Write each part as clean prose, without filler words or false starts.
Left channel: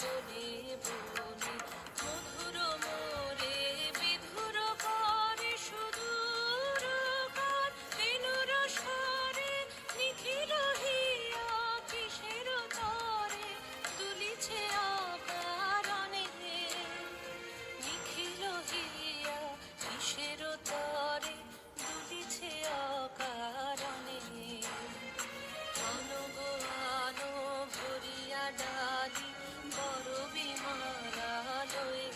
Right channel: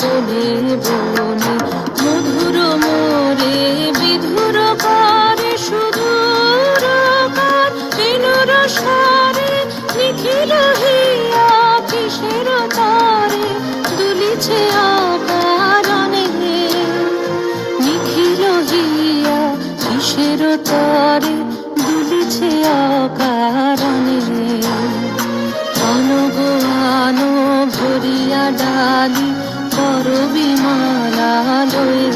বনে বনে মধুর মোরে বিধুর করে সুদূর কার বিনুর সারে নিখিল হিয়া কিসের তারে দুলিছে আকারণে নিখিল হিয়া কিসের তারে দুলিছে আকারণে আনো আনো ভরিয়া ডালি করবি মালা লয়ে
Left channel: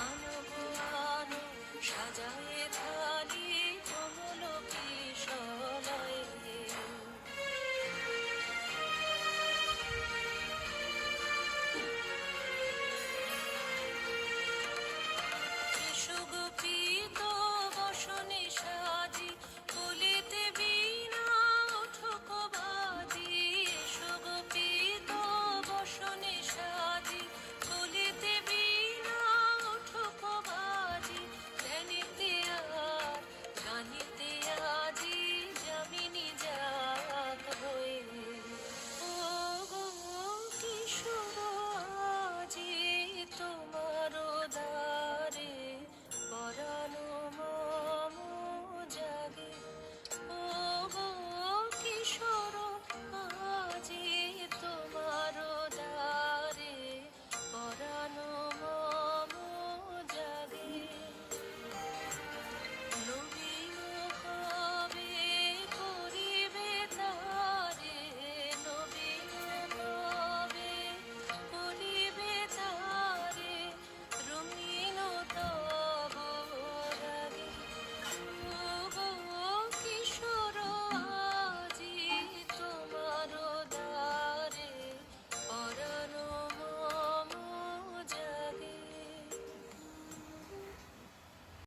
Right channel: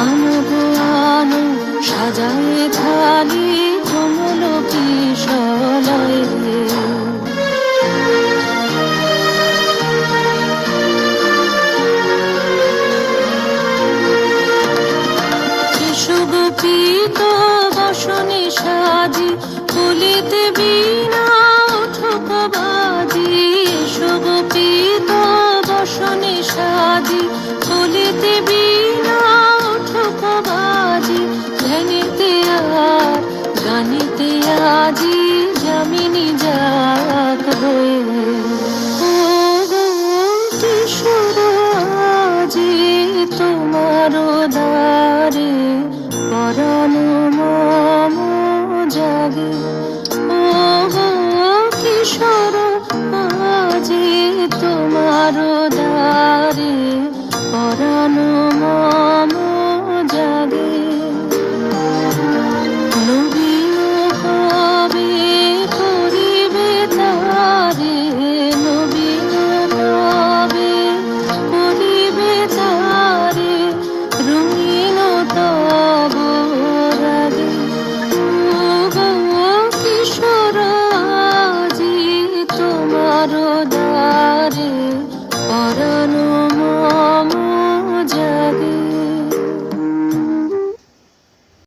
আনো আনো সাজায়ে থালি কমল কিশলয়ে কেশব পীত বসনে সাজি